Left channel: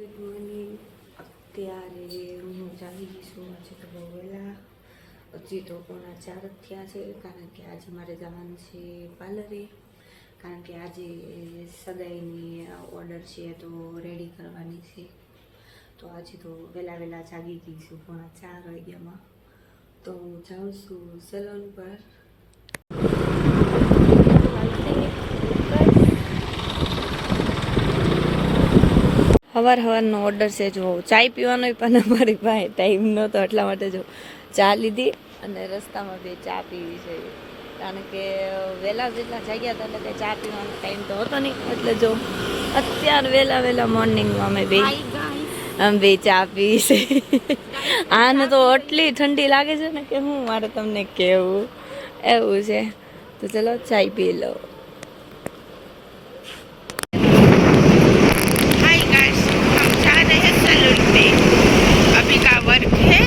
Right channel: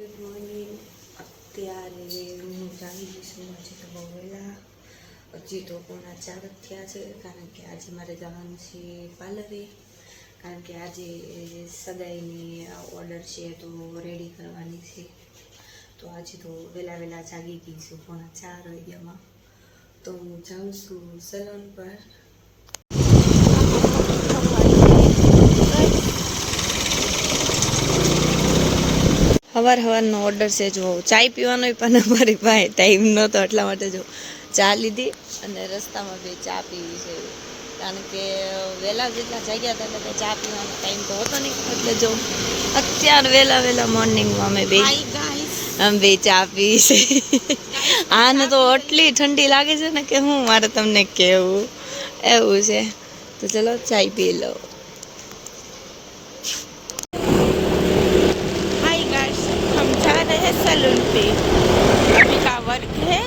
Good morning. અત્યારે હું જાગી છું. આજે તો બહુ વહેલા, હજી તો 3:45 થયા છે, કારણ કે આજે મારે જવાનું છે પાર્લરે, કારણ કે આજે સગાઈની ઓર્ડર છે તો રેડી કરવાની છે. તો આજે તો વહેલા જાગી ગઈ છું 3:45 વાગ્યામાં. તો હું જાઉં છું સલોન પર. સવારનો ઓર્ડર છે. જો ચાય પીવાનો પણ અમારી પાસે ટાઈમ નહોતો, એટલા માટે જો ચા લીધી અને રસ્તામાં બે ચા પીવી છે, કારણ કે વહેલા જેટલા જાગ્યા હતા એટલે ચા પીવાનો ટાઈમ તો હતો નહીં. એટલે જો અત્યારે વહેલા મોર્નિંગમાં અમે બે ચા પીવી છે. આને તો આટલી ઠંડી લાગે છે ને કે હું મારે તમને કહેવું, એવું છે. તો ચલો ચાય પી લો. सैलून पे अभी का वर्क है,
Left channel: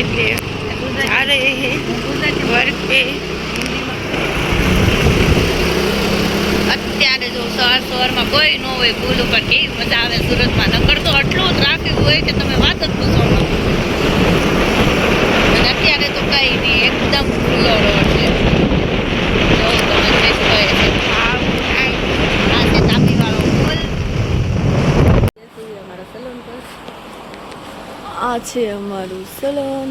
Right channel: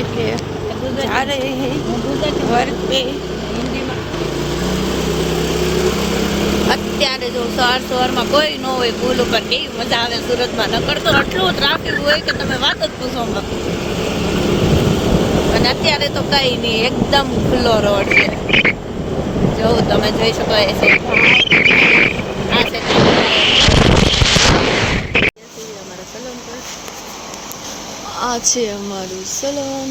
इसलिए जा रहे हैं वर्क पे. અત્યારે જો સવારમાં કોઈ ન હોય પુલ ઉપર, કેવી મજા આવે સુરતમાં. નકર તો આટલું ટ્રાફિક હોય કે તમે વાત જ પૂછો માં. અને અત્યારે તો કઈ નહીં, એકદમ ખુલ્લો રોડ છે. જો તમે જોઈ શકો છો. આ છે અમારું સલોન.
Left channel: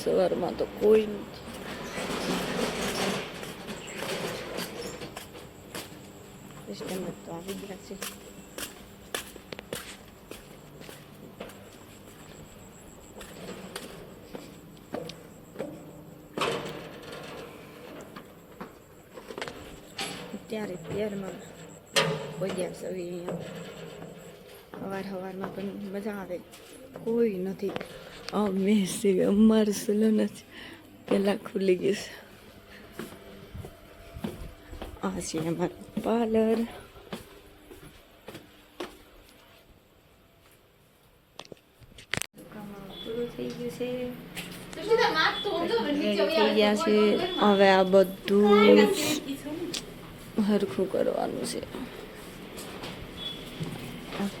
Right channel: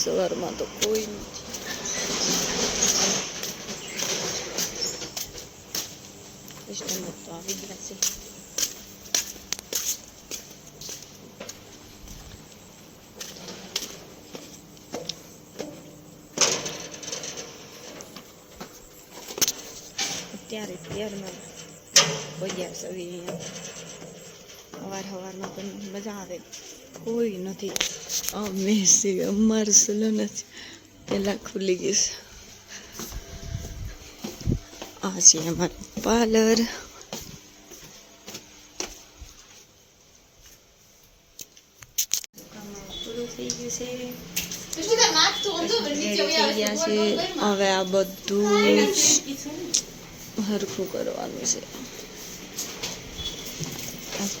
સવારમાં તો કોઈ નથી. કસ્ટમર તો આવી ગયા છે. અત્યારમાં પહોંચ્યા છે અહીંયા. સવારમાં પણ મજા આવે, કોઈ નથી. અમે છે અમારું સલૂન જ પહેલાં ખુલી ગયું છે. આ છે અમારું પાર્લર. પૂરું થઈ ગયું છે, થઈ ગયા છે. હવે આ બધું જ હરખું કરવાનું છે.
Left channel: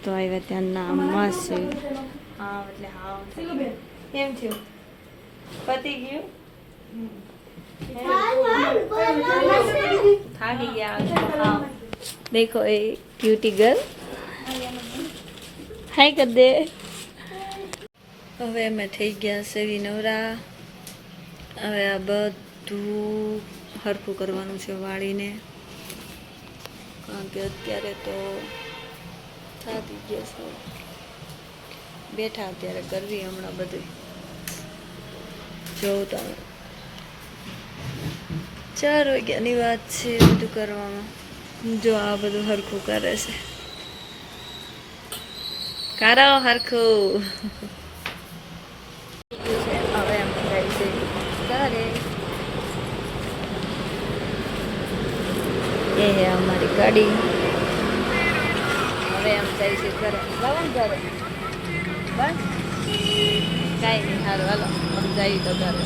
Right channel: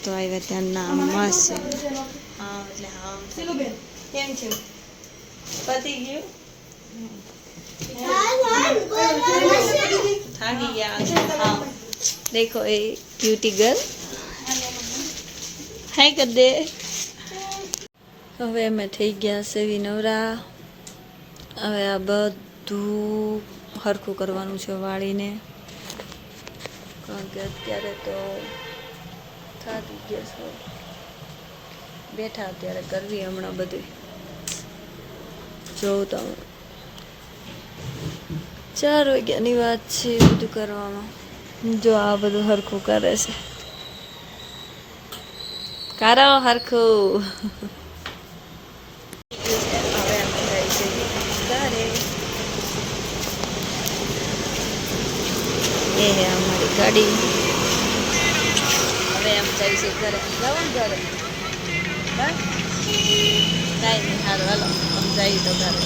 તો આવ્યા ત્યાંના મસ્ત છે. હા એટલે હા કેમ છે, પતી ગયું, થાકી ગયા. હા દેખો એ ક્યુટી ગર્લ, હાય કર દે. હવે અમે થઈ ગયા છે નવરા. હવે આ બધું હરખું કરવાનું છે વાળીને, કારણ કે અત્યારે તો થાકી ગયા છો. બેઠા અત્યારે કરવી હમણાં બધું. જોઉં તમે 4 વાગ્યાની વાત છે બધું કરવામાં. જો આ બધું હરખું કરે છે. કરો હરખું. હવે અમે જાય છે ઘરે. એ હે અમારી ગાડી. હવે એમ જાય છે ઘરે. જવાનું ઘરે બસ કાંઈ નહીં. સારું હાલો આમ જઈએ તો ઘરે.